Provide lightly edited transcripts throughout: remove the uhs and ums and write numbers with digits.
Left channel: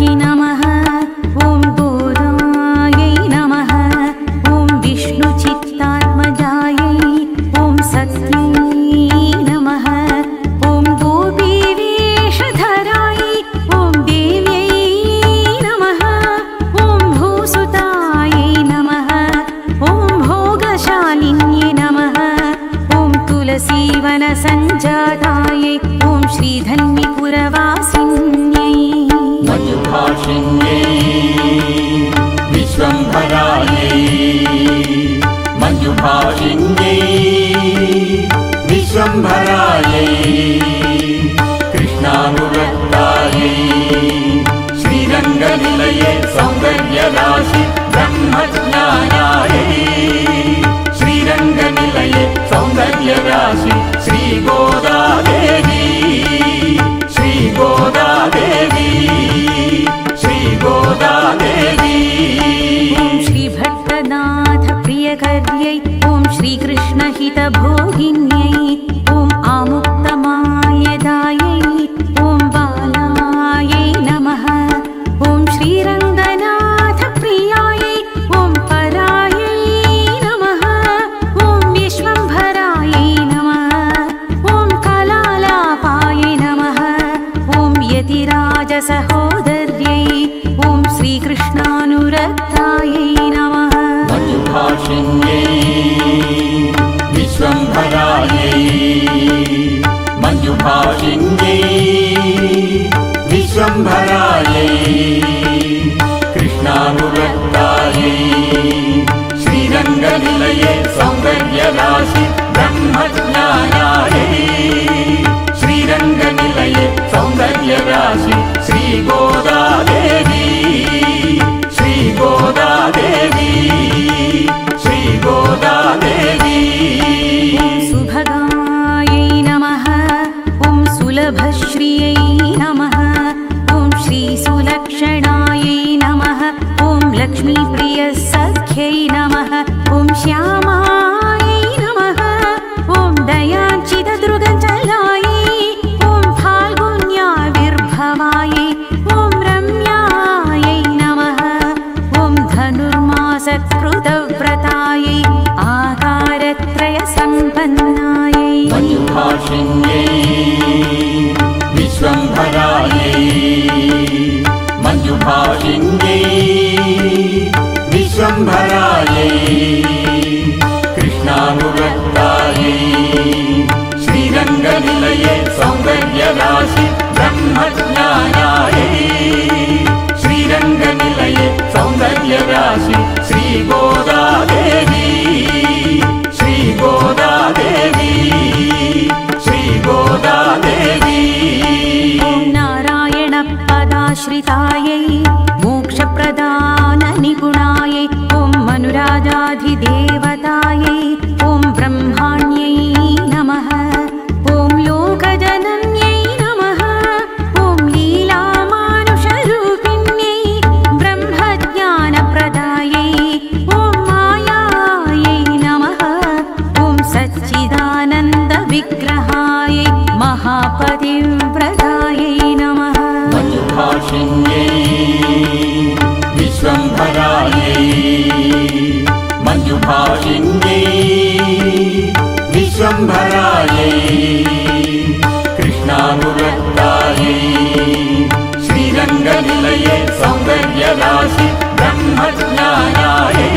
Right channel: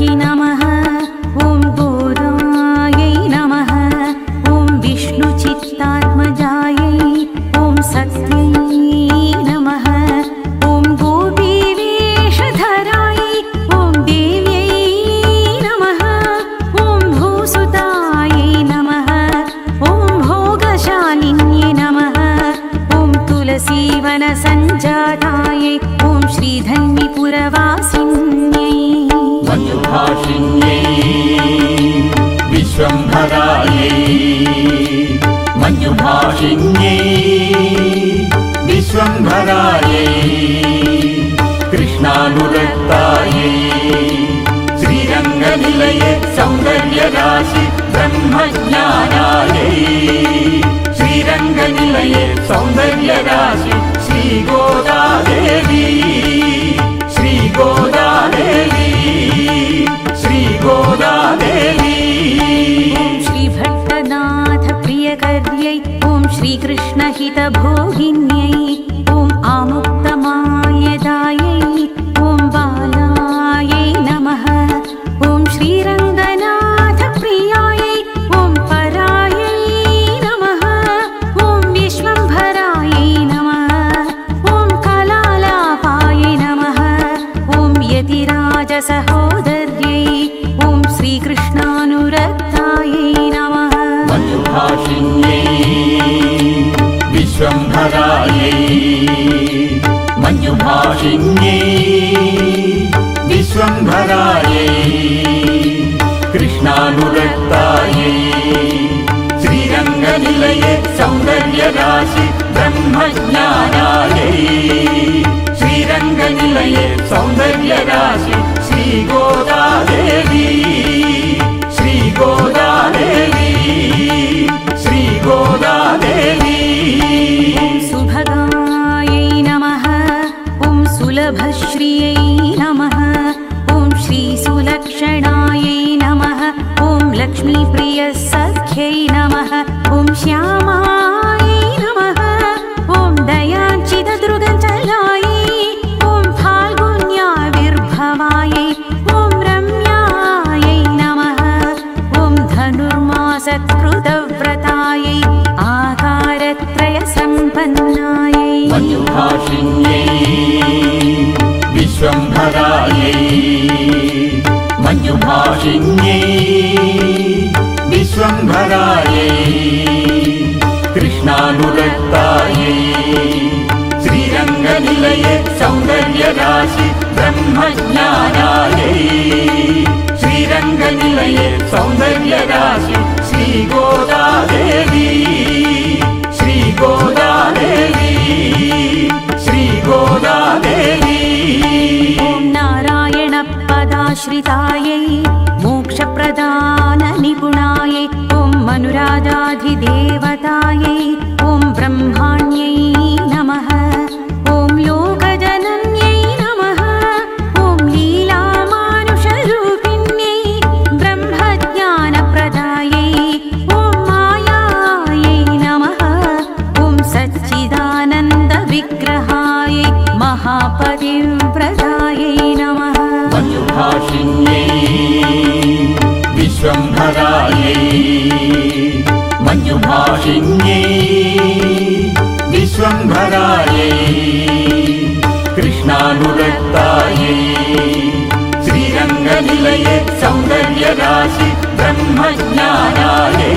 गौरवत्यै नमः। ॐ गोदायै नमः। ॐ विष्णुचित्तात्मजायै ॐ सत्यै नमः। ॐ गोपीवेषधरायै ॐ देव्यै नमः। ॐ भूसुतायै नमः। ॐ भोगशालिन्यै नमः। ॐ तुलसीवनसञ्जातायै ॐ श्रीधन्विपुरवासिन्यै मञ्जुभाषिण्यै विश्वम्भरायै मञ्जुभाषिण्यै विश्वम्भरायै कृष्णानुरक्तायै श्रीरङ्गनिलये सौन्दर्यराशि ब्रह्मज्ञानायै श्रीरङ्गनिलये सौन्दर्यराशि श्रीगोदादेवी श्रीगोदादेवी श्रीगोदादेवी। ॐ श्रीभट्टनाथ प्रियकर्यै ॐ श्रीकृष्णहितभोगिन्यै ॐ आमुक्तमाल्यदायै ॐ बालायै नमः। ॐ श्रीरङ्गनाथ प्रियायै ॐ परायै नमः। ॐ विश्वम्भरायै नमः। ॐ कलालापायै नमः। ॐ यतिराजसहोदर्यै ॐ श्रीकृष्णानुरक्तायै नमः। मञ्जुभाषिण्यै विश्वम्भरायै मञ्जुभाषिण्यै विश्वम्भरायै कृष्णानुरक्तायै श्रीरङ्गनिलये सौन्दर्यराशि ब्रह्मज्ञानायै श्रीरङ्गनिलये सौन्दर्यराशि श्रीगोदादेवी श्रीगोदादेवी श्रीगोदादेवी। ॐ सुभगायै नमः। ॐ सुलभश्रियै नमः। ॐ श्रीसुलक्षणायै नमः। ॐ लक्ष्मीप्रियसख्यै नमः। ॐ श्यामायै नमः। ॐ दयाञ्चितदृगचलायै ॐ फाल्गुन्याविर्भवायै ॐ रम्यायै नमः। ॐ धनुर्मासकृतव्रतायै आकारत्रयसम्पन्नायै मञ्जुभाषिण्यै विश्वम्भरायै मञ्जुभाषिण्यै विश्वम्भरायै कृष्णानुरक्तायै श्रीरङ्गनिलये सौन्दर्यराशि ब्रह्मज्ञानायै श्रीरङ्गनिलये सौन्दर्यराशि श्रीगोदादेवी श्रीगोदादेवी श्रीगोदादेवी। ॐ नारायणपदाश्रितायै मोक्षप्रदाननिपुणायै ॐ मनुराजाधिदेवतायै ॐ ब्रह्माण्यै नमः। ॐ लोकजनन्यै नमः। ॐ लीलामानुषरूपिण्यै ब्रह्मज्ञानप्रदायै ॐ मायायै नमः। ॐ सच्चिदानन्दविग्रहायै महापतिव्रतायै नमः। मञ्जुभाषिण्यै विश्वम्भरायै मञ्जुभाषिण्यै विश्वम्भरायै कृष्णानुरक्तायै श्रीरङ्गनिलये सौन्दर्यराशि ब्रह्मज्ञानायै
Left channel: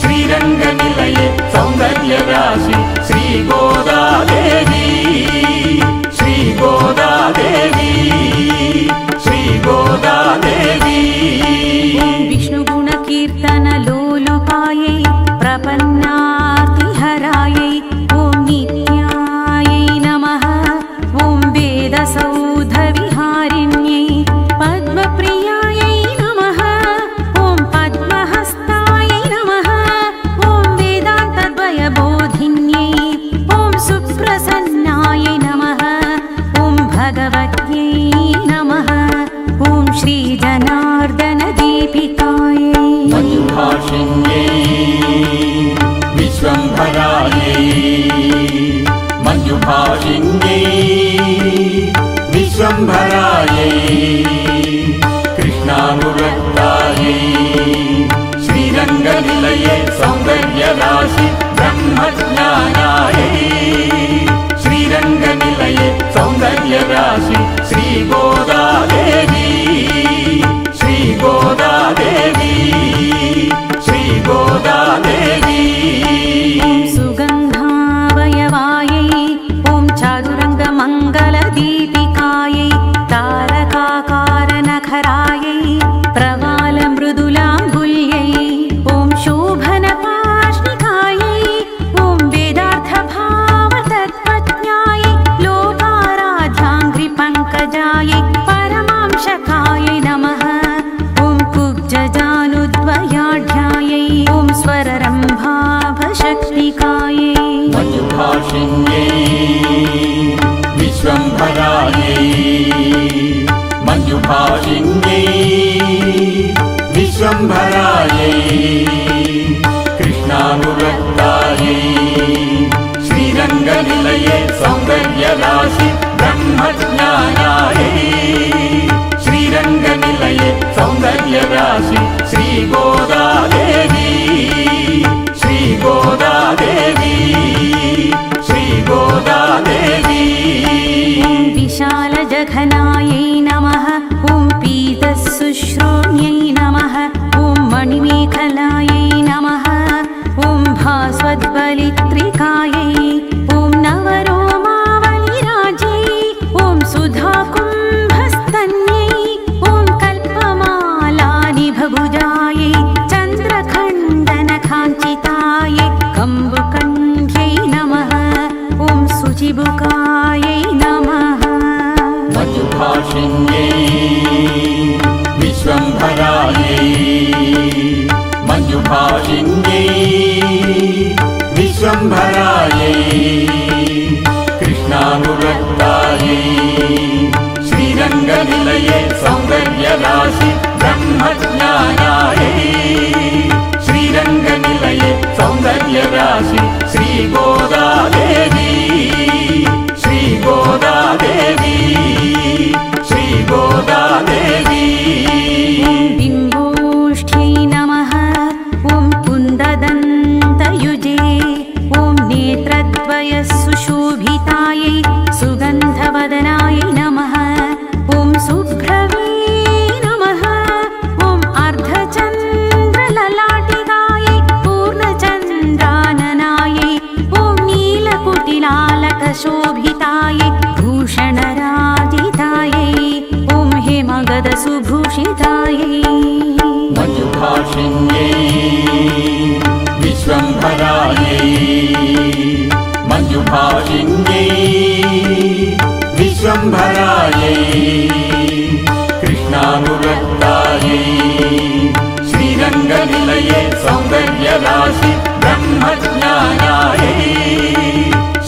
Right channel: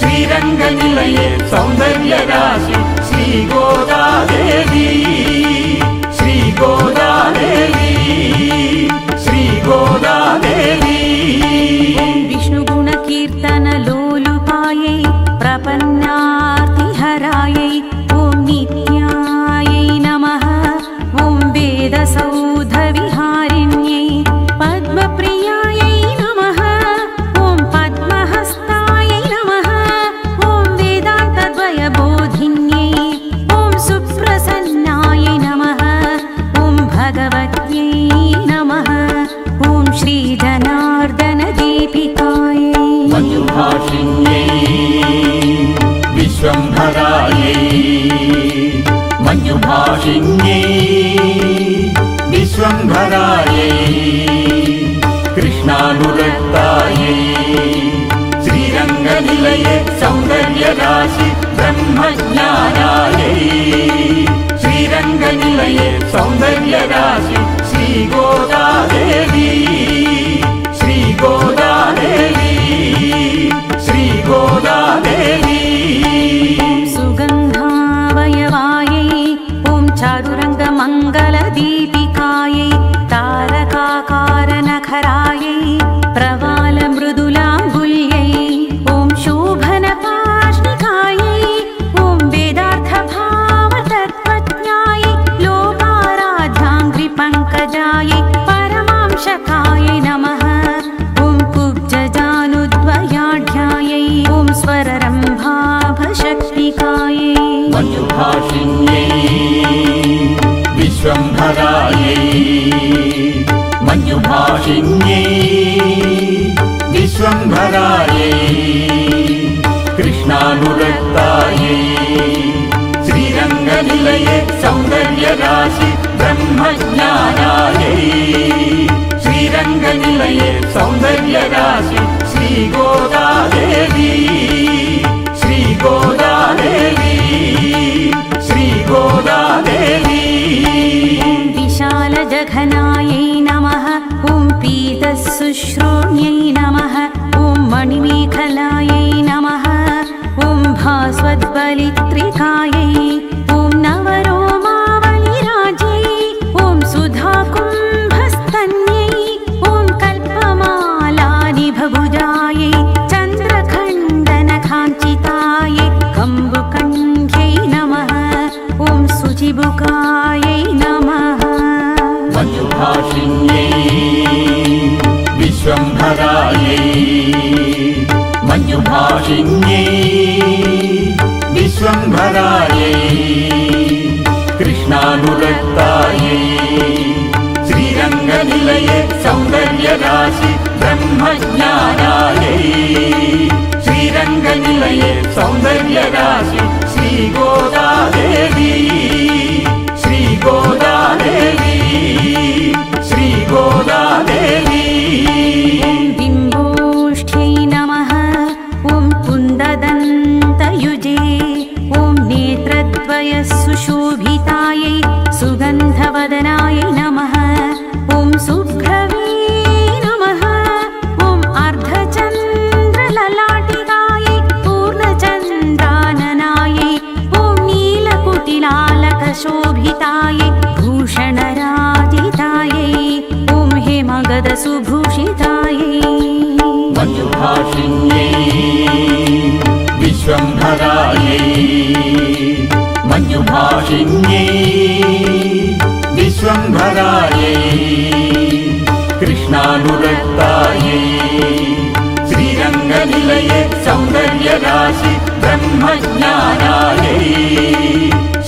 श्रीरङ्गनिलये सौन्दर्यराशि श्रीगोदादेवी श्रीगोदादेवी श्रीगोदादेवी। ॐ विष्णुगुणकीर्तनलोलुपायै प्रपन्नार्तिहरायै ॐ नित्यायै नमः। ॐ वेदसौधविहारिण्यै पद्मप्रियायै नमः। ॐ पद्महस्तायै नमः। ॐ वेदान्तद्वयबोधिन्यै ॐ सुप्रसन्नायै नमः। ॐ भगवत्यै नमः। ॐ श्रीजनार्दनदीपिकायै मञ्जुभाषिण्यै विश्वम्भरायै मञ्जुभाषिण्यै विश्वम्भरायै चारुरङ्गमङ्गलदीपिकायै तारकाकारनखरायै प्रवालमृदुलाङ्गुल्यै ॐ शोभनपार्ष्णिकायै ॐ वेदार्थभावतत्त्वज्ञायै लोकाराध्याङ्घ्रिपङ्कजायै परमांशकायै नमः ॐ कुब्जजानुद्वयाढ्यायै ॐ स्वररम्भाभशक्तिकायै मञ्जुभाषिण्यै विश्वम्भरायै मञ्जुभाषिण्यै विश्वम्भरायै कृष्णानुरक्तायै श्रीरङ्गनिलये सौन्दर्यराशि ब्रह्मज्ञानायै श्रीरङ्गनिलये सौन्दर्यराशि श्रीगोदादेवी श्रीगोदादेवी श्रीगोदादेवी ॐ विशालजघनायै नमः ॐ पीतशुश्रोण्यै नमः ॐ मणिमेखलायै नमः ॐ भास्वद्बलित्रिकायै ॐ नवरोमावलिराज्यै ॐ सुधाकुम्भस्तन्यै ॐ कल्पमालानिभभुजायै चन्द्रखण्डनकाञ्चितायै कम्बुकण्ठ्यै नमः ॐ शुचिबुकायै नमः मञ्जुभाषिण्यै विश्वम्भरायै मञ्जुभाषिण्यै विश्वम्भरायै कृष्णानुरक्तायै श्रीरङ्गनिलये सौन्दर्यराशि ब्रह्मज्ञानायै श्रीरङ्गनिलये सौन्दर्यराशि श्रीगोदादेवी श्रीगोदादेवी श्रीगोदादेवी ॐ बिम्बोष्ठ्यै नमः ॐ कुन्ददन्तयुजे ॐ नेत्रद्वयसुशोभितायै सुगन्धवदनायै नमः ॐ शुभ्रवे नमः ॐ अर्धचन्द्रललाटिकायै पूर्णचन्द्राननायै ॐ नीलकुटिलालकशोभितायै भूषणराजितायै ॐ हेमगदसुभूषितायै मञ्जुभाषिण्यै विश्वम्भरायै मञ्जुभाषिण्यै विश्वम्भरायै कृष्णानुरक्तायै श्रीरङ्गनिलये सौन्दर्यराशि ब्रह्मज्ञानायै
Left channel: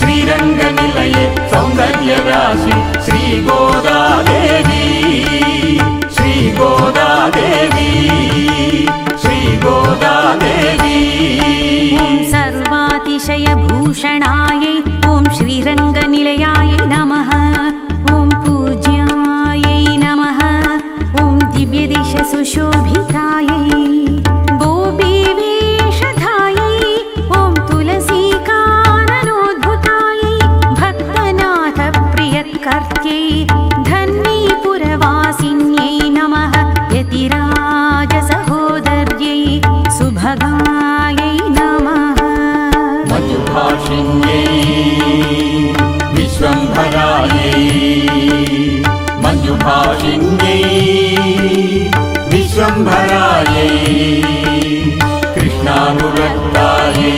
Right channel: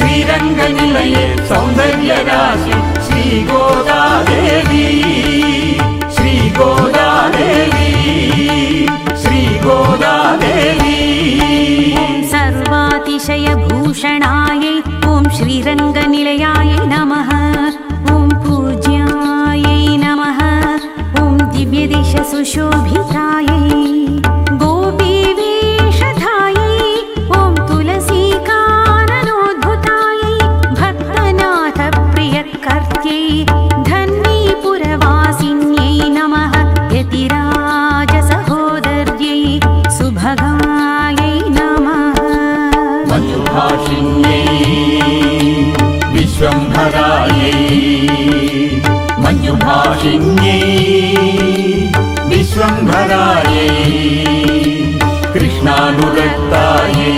श्रीरङ्गनिलये सौन्दर्यराशि श्रीगोदादेवी श्रीगोदादेवी श्रीगोदादेवी ॐ सर्वातिशयभूषणायै ॐ श्रीरङ्गनिलयायै नमः ॐ पूज्यायै नमः ॐ दिव्यदिशसुशोभितायै गोपीवेषधायै ॐ तुलसीकाननोद्भुतायै भक्तनाथप्रियकर्त्यै धन्वीपुरवासिन्यै नमः यतिराजसहोदर्यै सुभगायै नमः मञ्जुभाषिण्यै विश्वम्भरायै मञ्जुभाषिण्यै विश्वम्भरायै कृष्णानुरक्तायै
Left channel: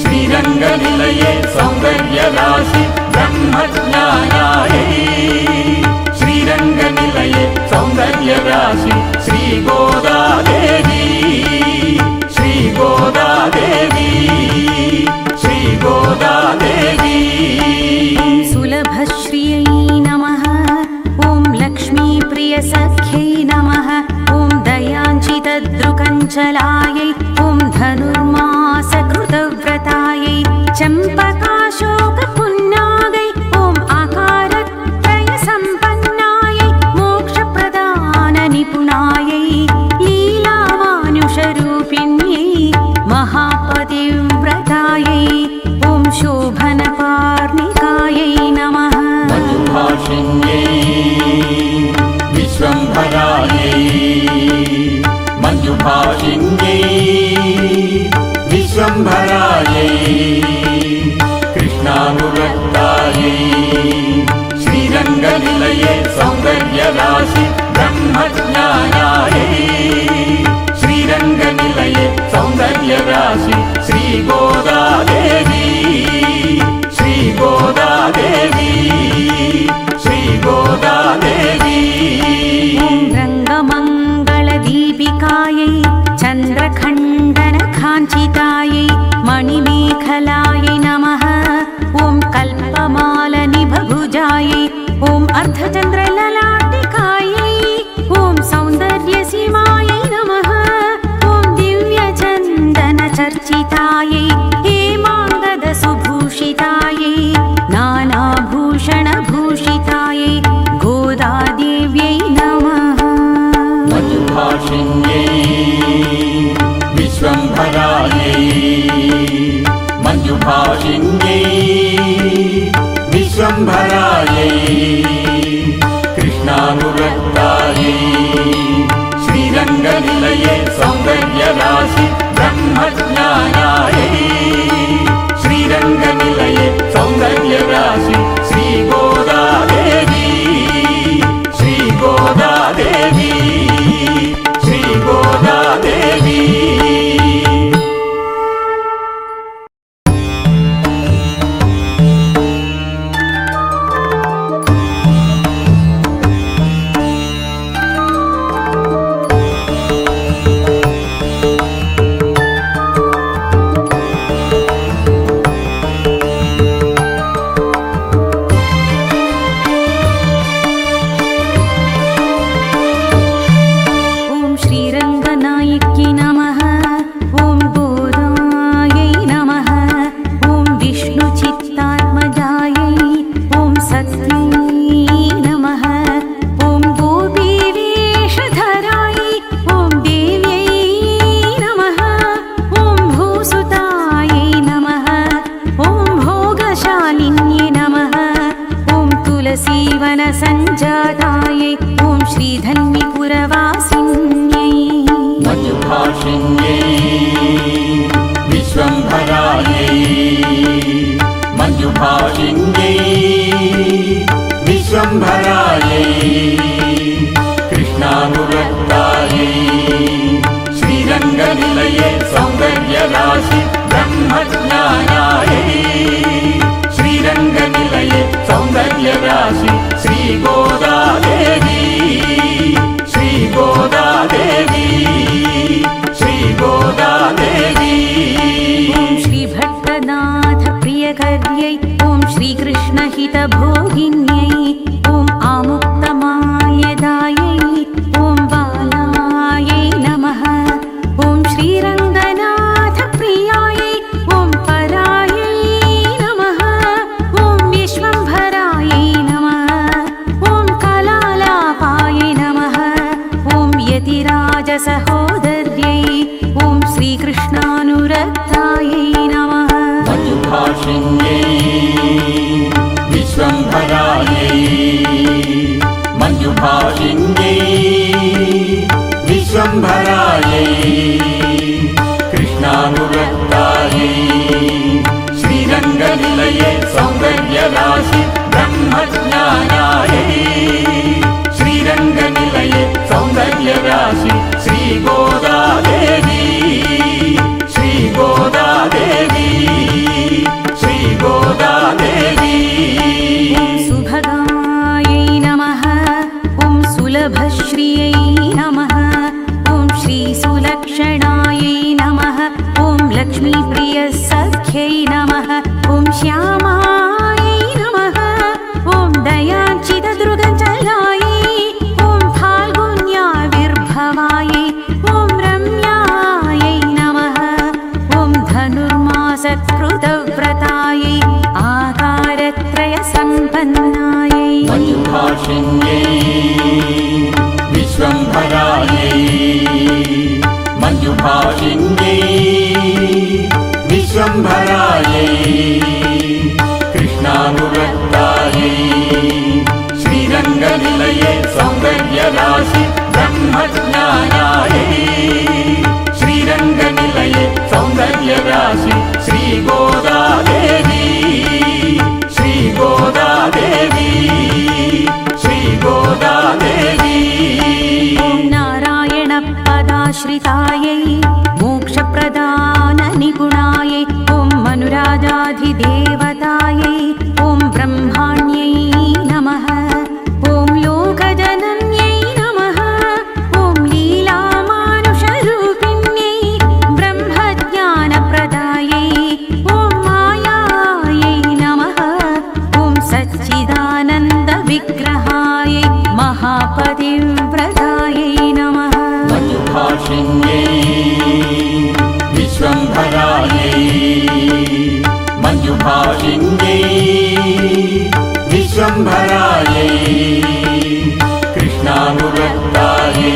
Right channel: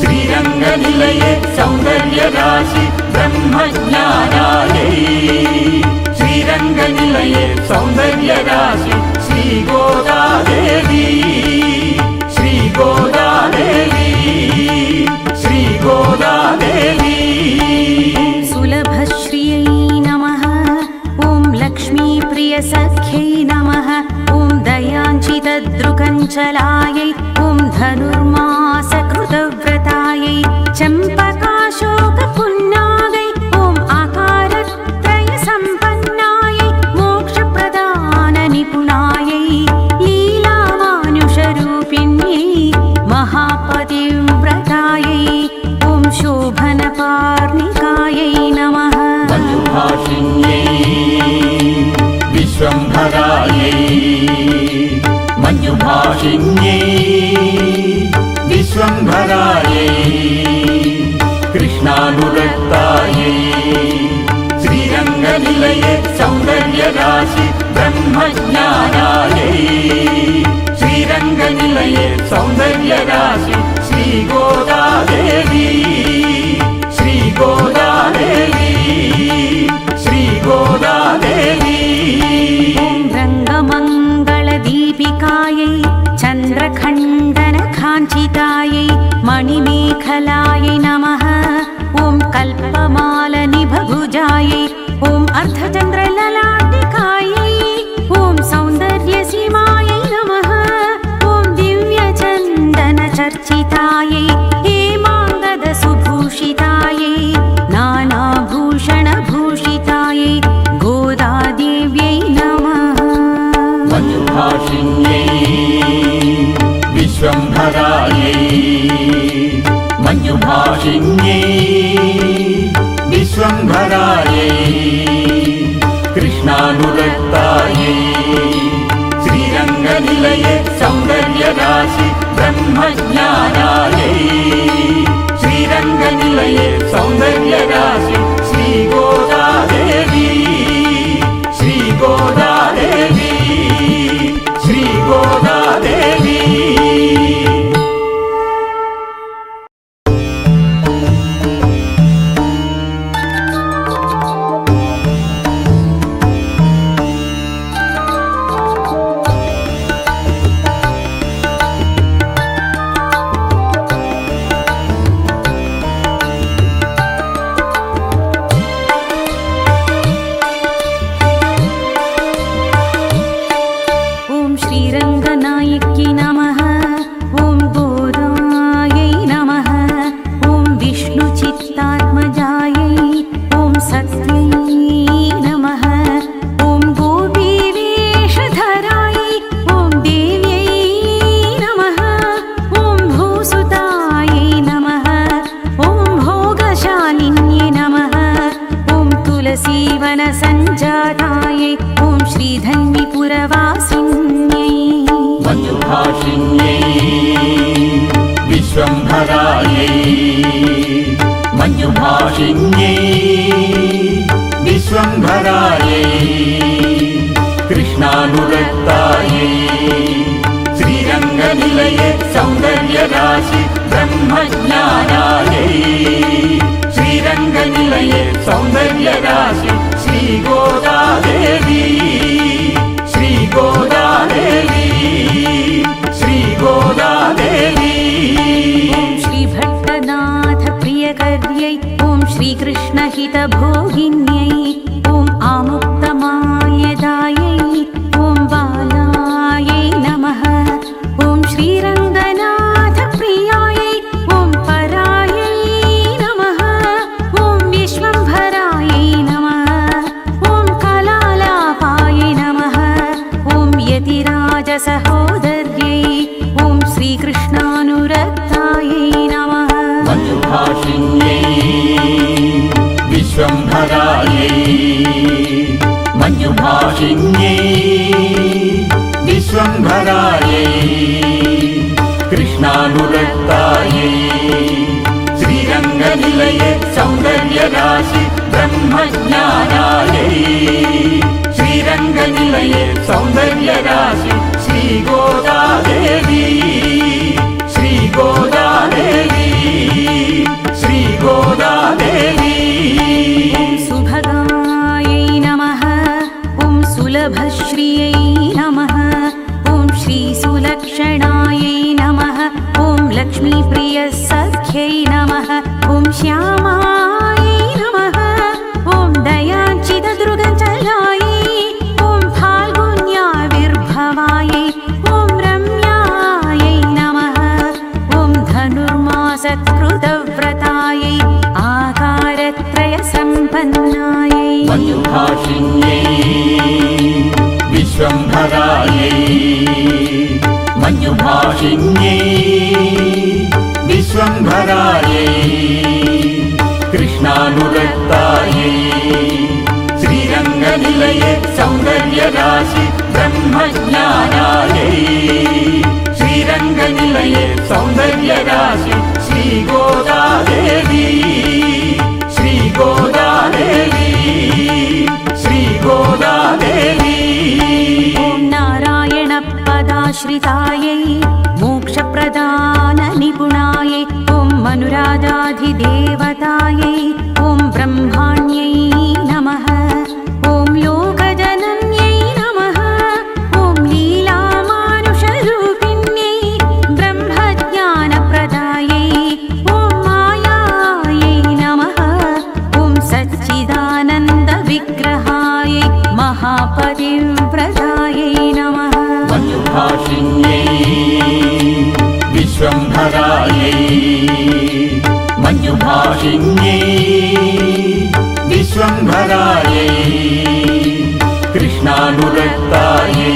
श्रीरङ्गनिलये सौन्दर्यराशि ब्रह्मज्ञानायै श्रीरङ्गनिलये सौन्दर्यराशि श्रीगोदादेवी श्रीगोदादेवी श्रीगोदादेवी ॐ सुलभश्रियै नमः ॐ लक्ष्मीप्रियसख्यै नमः ॐ दयाञ्चितदृकञ्चलायै ॐ धनुर्मासकृतव्रतायै चम्पकाशोकपुन्नागै ॐ आकारत्रयसम्पन्नायै मोक्षप्रदाननिपुणायै लीलामानुषरूपिण्यै महापतिव्रतायै ॐ शोभनपार्णिकायै नमः मञ्जुभाषिण्यै विश्वम्भरायै मञ्जुभाषिण्यै विश्वम्भरायै कृष्णानुरक्तायै श्रीरङ्गनिलये सौन्दर्यराशि ब्रह्मज्ञानायै श्रीरङ्गनिलये सौन्दर्यराशि श्रीगोदादेवी श्रीगोदादेवी श्रीगोदादेवी ॐ रङ्गमङ्गलदीपिकायै चन्द्रखण्डनकाञ्चितायै मणिमेखलायै नमः। ॐ कल्पमालनिभभुजायै ॐ अर्धचन्द्रललाटिकायै ॐ सौन्दर्यसीमायै नमः। ॐ दिव्यचन्दनचर्चितायै हेमाङ्गदसुभूषितायै नानाभूषणभूषितायै गोदादेव्यै नमः। मञ्जुभाषिण्यै विश्वम्भरायै मञ्जुभाषिण्यै विश्वम्भरायै कृष्णानुरक्तायै श्रीरङ्गनिलये सौन्दर्यराशि ब्रह्मज्ञानायै श्रीरङ्गनिलये सौन्दर्यराशि श्रीगोदादेवी श्रीगोदादेवी श्रीगोदादेवी श्रीरङ्गनायक्यै नमः। ॐ गोदायै नमः। ॐ विष्णुचित्तात्मजायै ॐ सत्यै नमः। ॐ गोपीवेषधरायै ॐ देव्यै नमः। ॐ भूसुतायै नमः। ॐ भोगशालिन्यै नमः। ॐ तुलसीवनसञ्जातायै ॐ श्रीधन्विपुरवासिन्यै मञ्जुभाषिण्यै विश्वम्भरायै मञ्जुभाषिण्यै विश्वम्भरायै कृष्णानुरक्तायै श्रीरङ्गनिलये सौन्दर्यराशि ब्रह्मज्ञानायै श्रीरङ्गनिलये सौन्दर्यराशि श्रीगोदादेवी श्रीगोदादेवी श्रीगोदादेवी ॐ श्रीभट्टनाथ प्रियकर्यै ॐ श्रीकृष्णहितभोगिन्यै ॐ आमुक्तमाल्यदायै ॐ बालायै नमः। ॐ श्रीरङ्गनाथ प्रियायै ॐ परायै नमः। ॐ विश्वम्भरायै नमः। ॐ कलालापायै नमः। ॐ यतिराजसहोदर्यै ॐ श्रीकृष्णानुरक्तायै नमः। मञ्जुभाषिण्यै विश्वम्भरायै मञ्जुभाषिण्यै विश्वम्भरायै कृष्णानुरक्तायै श्रीरङ्गनिलये सौन्दर्यराशि ब्रह्मज्ञानायै श्रीरङ्गनिलये सौन्दर्यराशि श्रीगोदादेवी श्रीगोदादेवी श्रीगोदादेवी ॐ सुभगायै नमः। ॐ सुलभश्रियै नमः। ॐ श्रीसुलक्षणायै नमः। ॐ लक्ष्मीप्रियसख्यै नमः। ॐ श्यामायै नमः। ॐ दयाचितदृगचलायै ॐ फाल्गुन्याविर्भवायै ॐ रम्यायै नमः। ॐ धनुर्मासत्कृतव्रतायै आकारत्रयसम्पन्नायै मञ्जुभाषिण्यै विश्वम्भरायै मञ्जुभाषिण्यै विश्वम्भरायै कृष्णानुरक्तायै श्रीरङ्गनिलये सौन्दर्यराशि ब्रह्मज्ञानायै श्रीरङ्गनिलये सौन्दर्यराशि श्रीगोदादेवी श्रीगोदादेवी श्री मोक्षाश्रितायै मोक्षप्रदाननिपुणायै ॐ मनुराजाधिदेवतायै ॐ ब्रह्माण्यै नमः ॐ लोकजनन्यै नमः ॐ लीलामानुषरूपिण्यै ब्रह्मज्ञानप्रदायै ॐ मायायै नमः ॐ सच्चिदानन्दविग्रहायै महापतिव्रतायै नमः मञ्जुभाषिण्यै विश्वम्भरायै मञ्जुभाषिण्यै विश्वम्भरायै कृष्णानुरक्तायै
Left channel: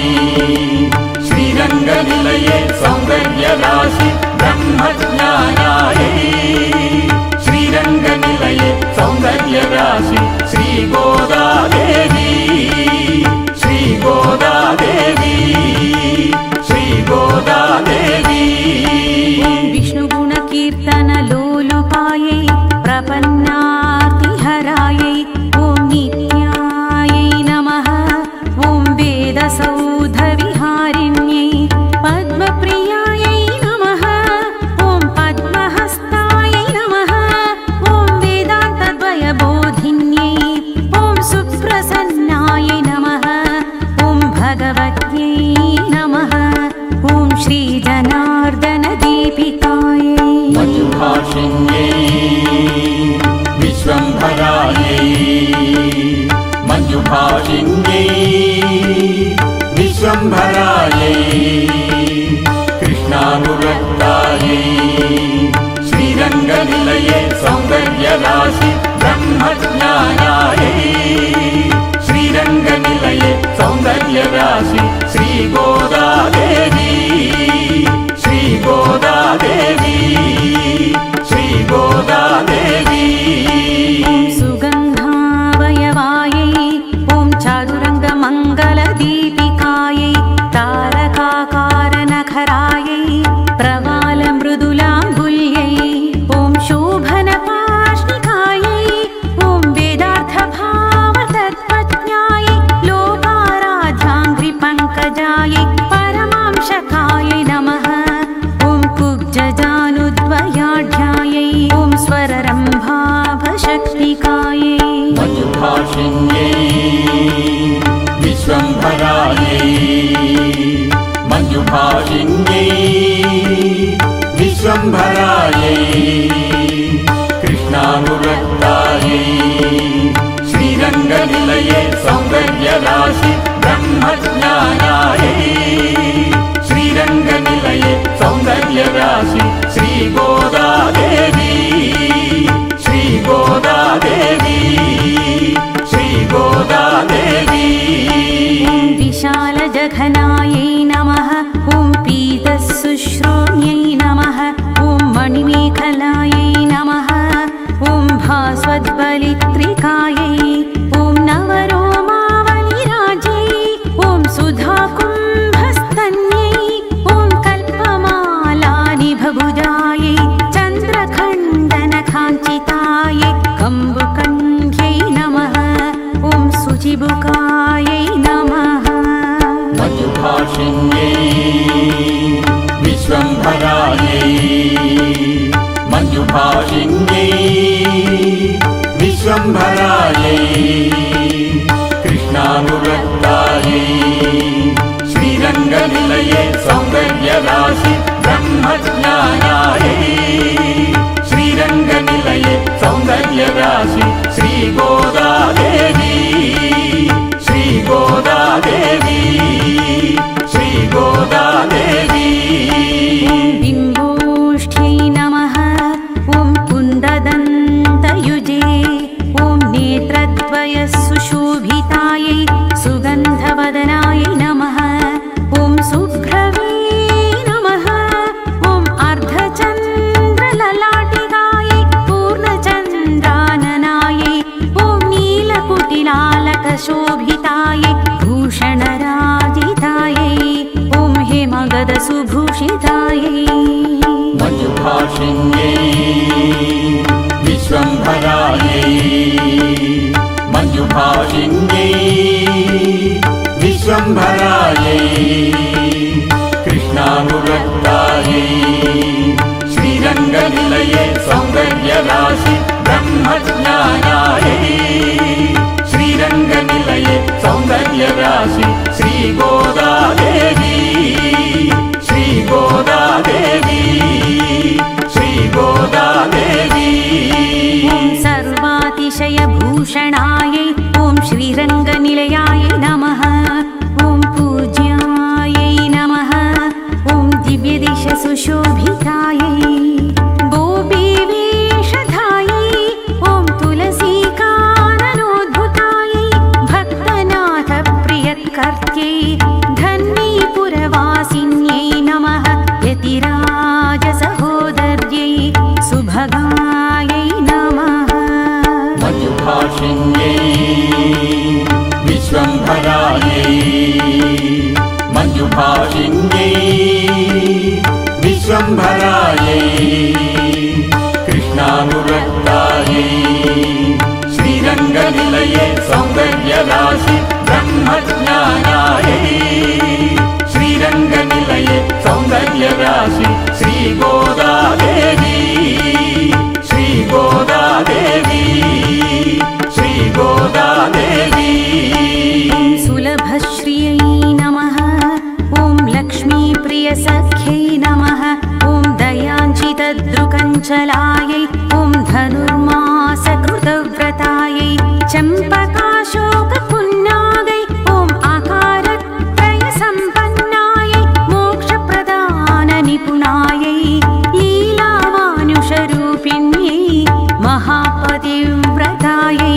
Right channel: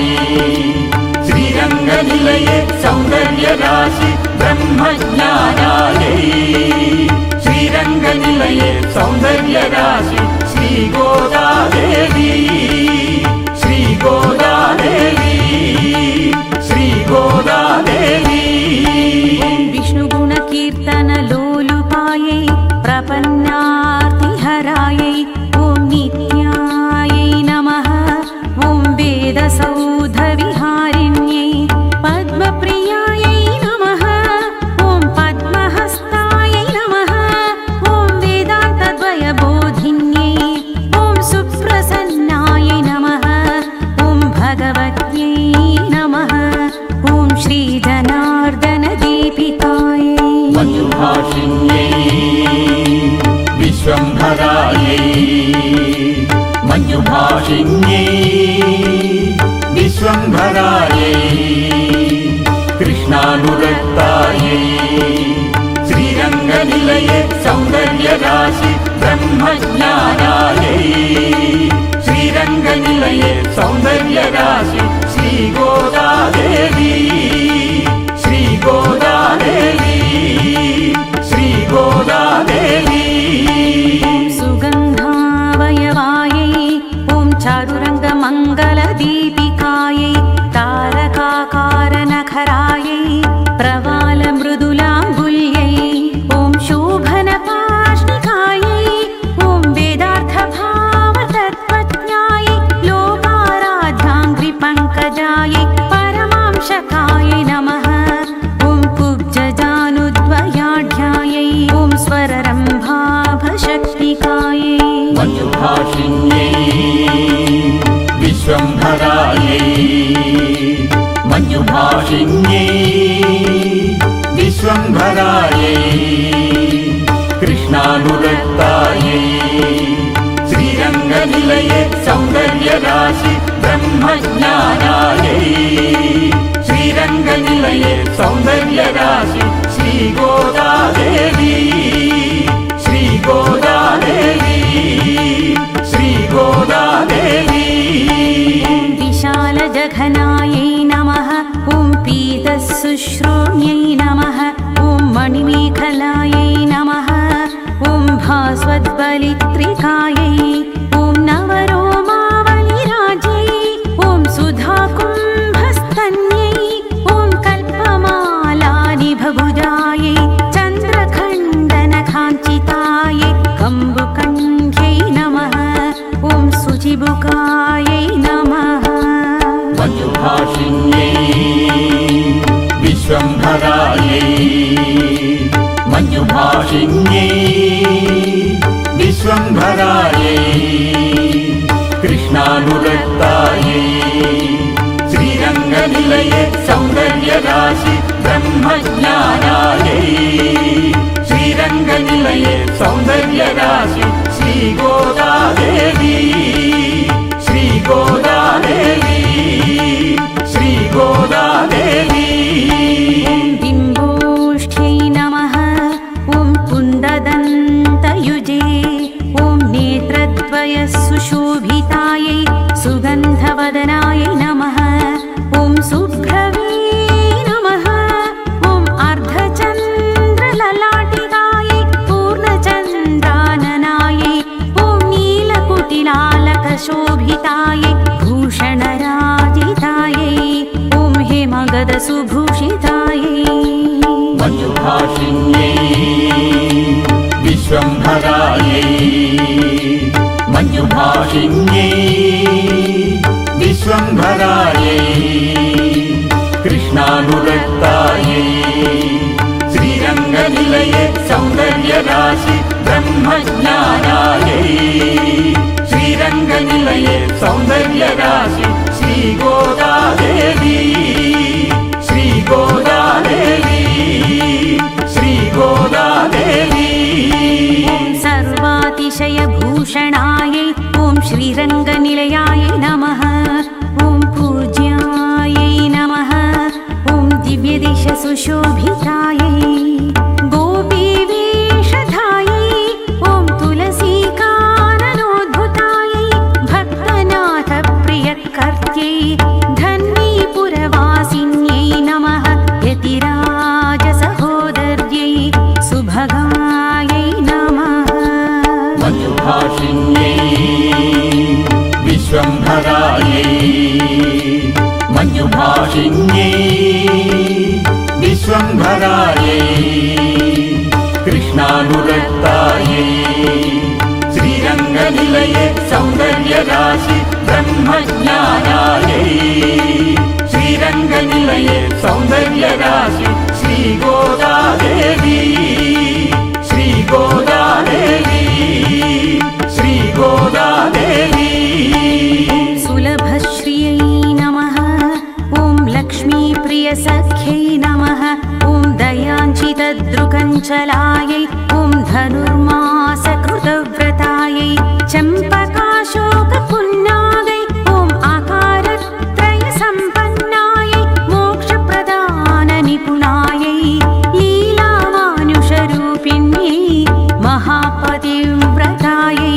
श्रीरङ्गनिलये सौन्दर्यराशि ब्रह्मज्ञानायै श्रीरङ्गनिलये सौन्दर्यराशि श्रीगोदादेवी श्रीगोदादेवी श्रीगोदादेवी ॐ विष्णुगुणकीर्तनलोलुपायै प्रपन्नार्तिहरायै ॐ नित्यायै नमः ॐ वेदसौधविहारिण्यै पद्मप्रियायै नमः ॐ पद्महस्तायै नमः ॐ वेदान्तद्वयबोधिन्यै ॐ सुप्रसन्नायै नमः ॐ भगवत्यै नमः ॐ श्रीजनार्दनदीपिकायै मञ्जुभाषिण्यै विश्वम्भरायै मञ्जुभाषिण्यै विश्वम्भरायै कृष्णानुरक्तायै श्रीरङ्गनिलये सौन्दर्यराशि ब्रह्मज्ञानायै श्रीरङ्गनिलये सौन्दर्यराशि श्रीगोदादेवी श्रीगोदादेवी श्रीगोदादेवी ॐ सुगन्धावयवायै ॐ चारुरङ्गमङ्गलदीपिकायै तारकाकारनखरायै प्रवालमृदुलाम्बुल्यै ॐ शोभनपाष्टिकायै ॐ वेदार्थभावतत्त्वज्ञायै लोकाराध्याङ्घ्रिपङ्कजायै परमांशकायै नमः ॐ कुब्जजानुद्वयाढ्यायै ॐ स्वररम्भाभशक्तिकायै मञ्जुभाषिण्यै विश्वम्भरायै मञ्जुभाषिण्यै विश्वम्भरायै कृष्णानुरक्तायै श्रीरङ्गनिलये सौन्दर्यराशि ब्रह्मज्ञानायै श्रीरङ्गनिलये सौन्दर्यराशि श्रीगोदादेवी श्रीगोदादेवी श्रीगोदादेवी ॐ विशालजघनायै नमः ॐ पीतशुश्रोण्यै नमः ॐ मणिमेखलायै नमः ॐ भास्वद्बलित्रिकायै ॐ नवरोमावलिराज्यै ॐ सुधाकुम्भस्तन्यै ॐ कल्पमालानिभभुजायै चन्द्रखण्डनकाञ्चितायै कम्बुकण्ठ्यै नमः ॐ शुचिबुकायै नमः मञ्जुभाषिण्यै विश्वम्भरायै मञ्जुभाषिण्यै विश्वम्भरायै कृष्णानुरक्तायै श्रीरङ्गनिलये सौन्दर्यराशि ब्रह्मज्ञानायै श्रीरङ्गनिलये सौन्दर्यराशि श्रीगोदादेवी श्रीगोदादेवी श्रीगोदादेवी ॐ बिम्बोष्ठ्यै नमः ॐ कुन्ददन्तयुजे ॐ नेत्रद्वयसुशोभितायै सुगन्धवदनायै नमः ॐ शुभ्रवे नमः ॐ अर्धचन्द्रललाटिकायै पूर्णचन्द्राननायै ॐ नीलकुटिलालकशोभितायै भूषणराजितायै ॐ हेमगदसुभूषितायै मञ्जुभाषिण्यै विश्वम्भरायै मञ्जुभाषिण्यै विश्वम्भरायै सर्वातिशयभूषणायै ॐ श्रीरङ्गनिलयायै नमः ॐ पूज्यायै नमः ॐ दिव्यदेशसुशोभितायै गोपीवेषधायै ॐ तुलसीकाननोद्भुतायै भक्तनाथप्रियकर्त्यै धन्वीपुरवासिन्यै नमः यतिराजसहोदर्यै सुभगायै नमः मञ्जुभाषिण्यै विश्वम्भरायै मञ्जुभाषिण्यै विश्वम्भरायै कृष्णानुरक्तायै श्रीरङ्गनिलये सौन्दर्यराशि ब्रह्मज्ञानायै श्रीरङ्गनिलये सौन्दर्यराशि श्रीगोदादेवी श्रीगोदादेवी श्रीगोदादेवी ॐ सुलभश्रियै नमः ॐ लक्ष्मीप्रियसख्यै नमः ॐ दयाञ्चितदृकञ्चलायै ॐ धनुर्मासकृतव्रतायै चम्पकाशोकपुन्नागै ॐ आकारत्रयसम्पन्नायै मोक्षप्रदाननिपुणायै लीलामानुषरूपिण्यै महापतिव्रतायै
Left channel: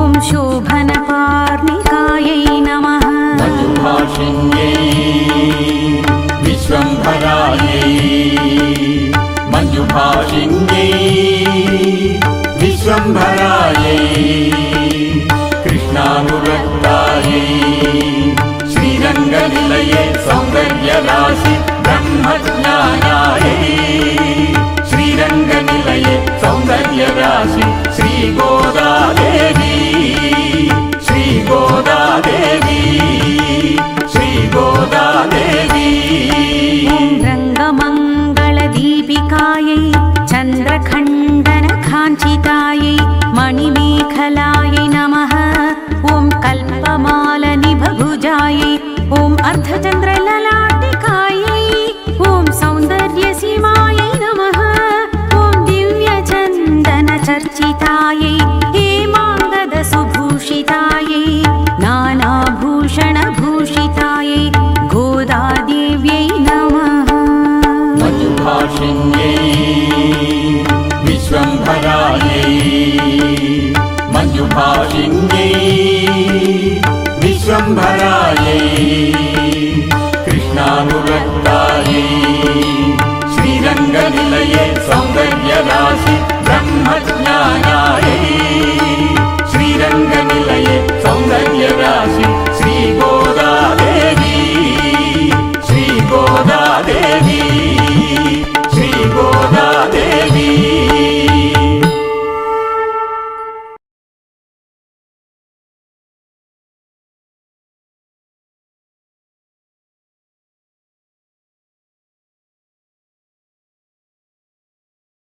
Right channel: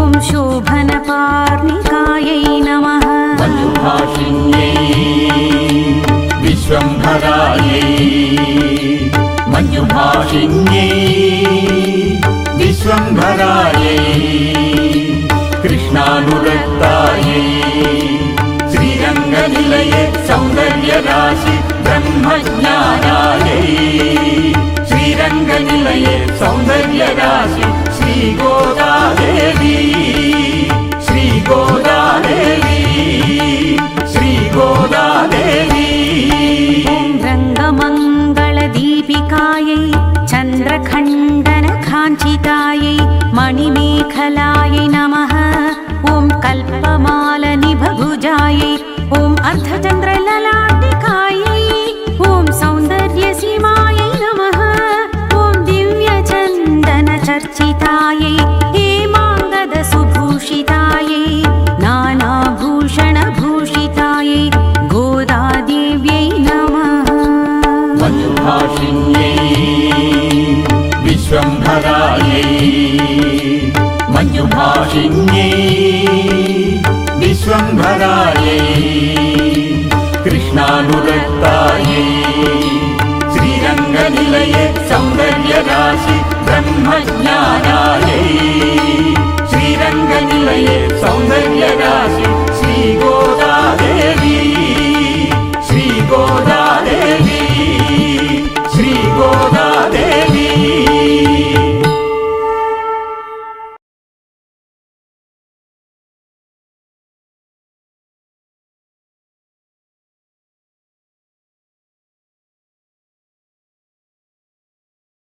ॐ शोभनपार्णिकायै नमः मञ्जुभाषिण्यै विश्वम्भरायै मञ्जुभाषिण्यै विश्वम्भरायै कृष्णानुरक्तायै श्रीरङ्गनिलये सौन्दर्यराशि ब्रह्मज्ञानायै श्रीरङ्गनिलये सौन्दर्यराशि श्रीगोदादेवी श्रीगोदादेवी श्रीगोदादेवी ॐ रङ्गमङ्गलदीपिकायै चन्द्रखण्डनकाञ्चितायै मणिमेखलायै नमः ॐ कल्पमालनिभभुजायै ॐ अर्धचन्द्रललाटिकायै ॐ सौन्दर्यसीमायै नमः ॐ दिव्यचन्दनचर्चितायै हेमाङ्गदसुभूषितायै नानाभूषणभूषितायै गोदादेव्यै नमः मञ्जुभाषिण्यै विश्वम्भरायै मञ्जुभाषिण्यै विश्वम्भरायै कृष्णानुरक्तायै श्रीरङ्गनिलये सौन्दर्यराशि ब्रह्मज्ञानायै श्रीरङ्गनिलये सौन्दर्यराशि